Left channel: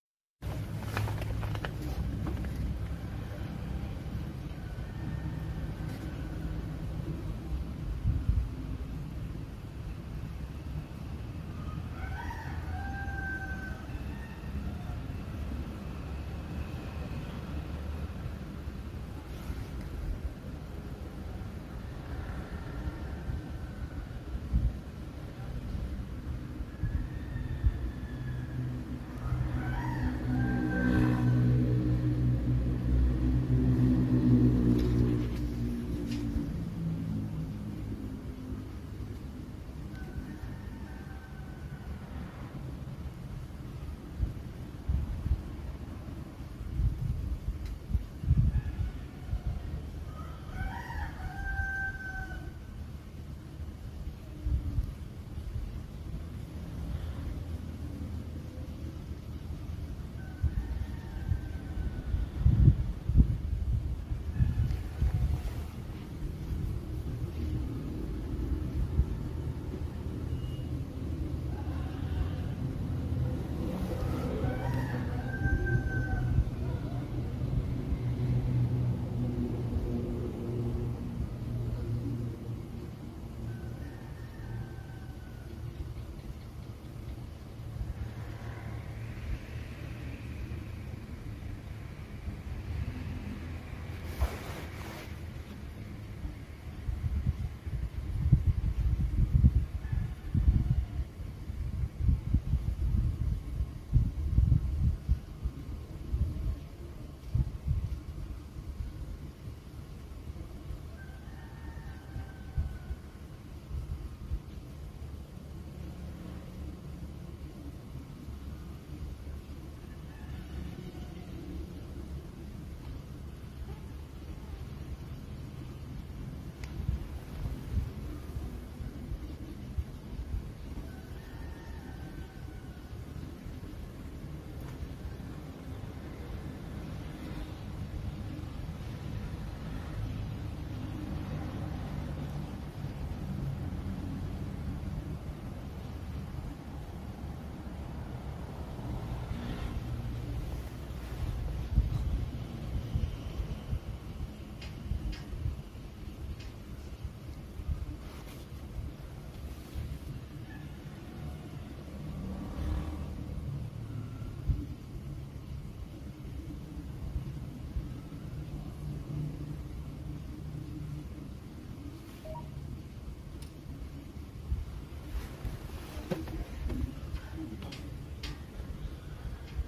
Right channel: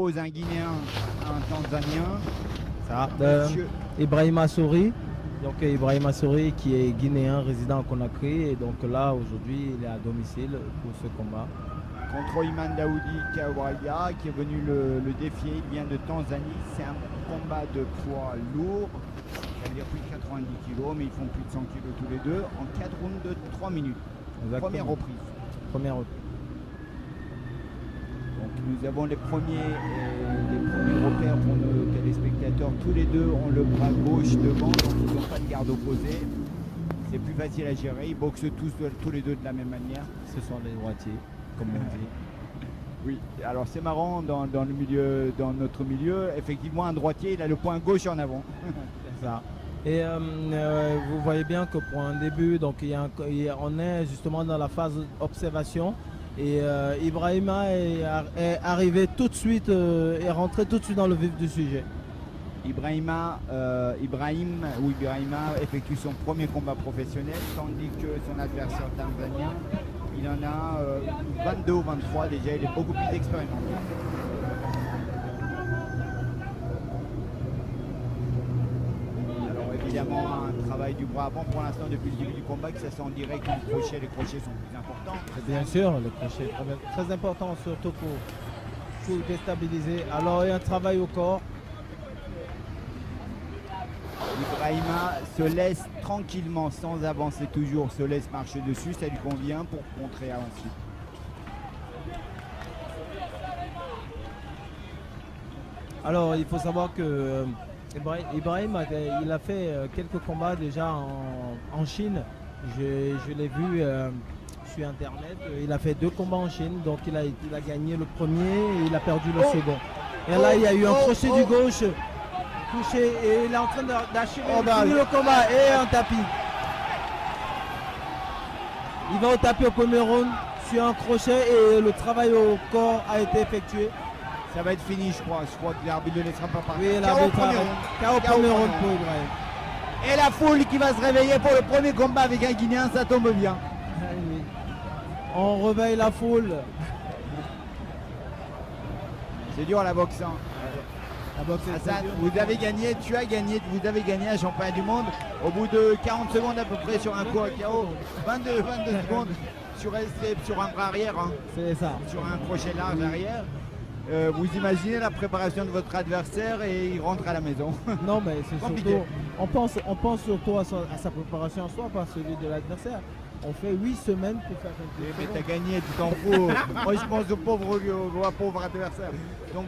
oppose un Guinéen à un Tanzanien. Ça, Monsieur- Ibrahima Souri. Donc Ibrahima Souri qui est guinéen résident à Conakry et donc là aujourd'hui il est à domicile pour ce combat. Contre Iman Daoudi Kawaia qui est venu le défier, il vient de Tanzanie. C'est un combat de poids lourd, c'est-à-dire plus de 90 kg, mais ils font plus de 100 kg tous les deux en 4 rounds de 3 minutes. Exactement. Première reprise. Première reprise. Donc, nous avons les premiers repères pour nos téléspectateurs. Tous les deux ont le bras gauche devant, donc ils n'ont pas de garde opposée. C'est plus facile à gérer. Ils boxent tous les deux de la même manière. Ce sont les droitiers, comme on dit. Oui, alors c'est marrant dans notre milieu, effectivement un droitier il a le point gauche en avant. Ça. Et vous voyez bien que pour un début, donc on est justement dans la phase observation et Ibrahima est arrivé tout de suite, est rentré tout de suite dans le vif du sujet. Ibrahima effectue son premier combat professionnel, tandis que son adversaire tanzanien, il en a 22 ou 23 déjà, il est beaucoup plus expérimenté. Alors évidemment, un travail du bras avant pour l'instant depuis le début du combat, que ça soit en direct ou en crochet, les crochets sont plus importants. Bien sûr, le crochet est très important, surtout pour déstabiliser. Alors il y a un travail au corps. Ibrahima se laisse tranquillement, sans avancer toujours, se laisse marcher dessus, ça lui convient pour contrer ensuite. Alors il faut savoir que Ibrahim il a fait quelques combats déjà en Chine. Je l'ai vu sur internet. Il a fait 2 combats en Chine, donc il a gagné le premier et il a perdu le second. Et là il y a eu un crochet du gauche. Touché et il est en train d'achever le combat et un tapis. Il va au tapis au premier round sur un crochet et le travail au corps a été effectué. Ça va être fini, je crois. Je crois que l'arbitre ne laissera pas partir. Oui, l'arbitre a au premier round pour Ibrahim. Et la foule qui va se réveiller pour le premier combat avec un Guinéen, ça tombe bien. Oui. On réveille la foule. C'est dur la boxe. Hein. Hassan, vous avez gagné un championnat du monde au bout de 40 secondes à peu près sur un coup à KO, 22 secondes sur un bras arrière, hein. C'est ça. Sur un crochet large arrière. Vous imaginez la préparation de votre adversaire et il rentre à la maison. Non mais c'est compliqué. Surtout, on pense surtout à sa préparation en soi, pas celui de l'adversaire. On fait 8 semaines pour faire quelque chose. Mais t'as gagné, tu t'en fous. Moi je pense au pauvre adversaire. Donc,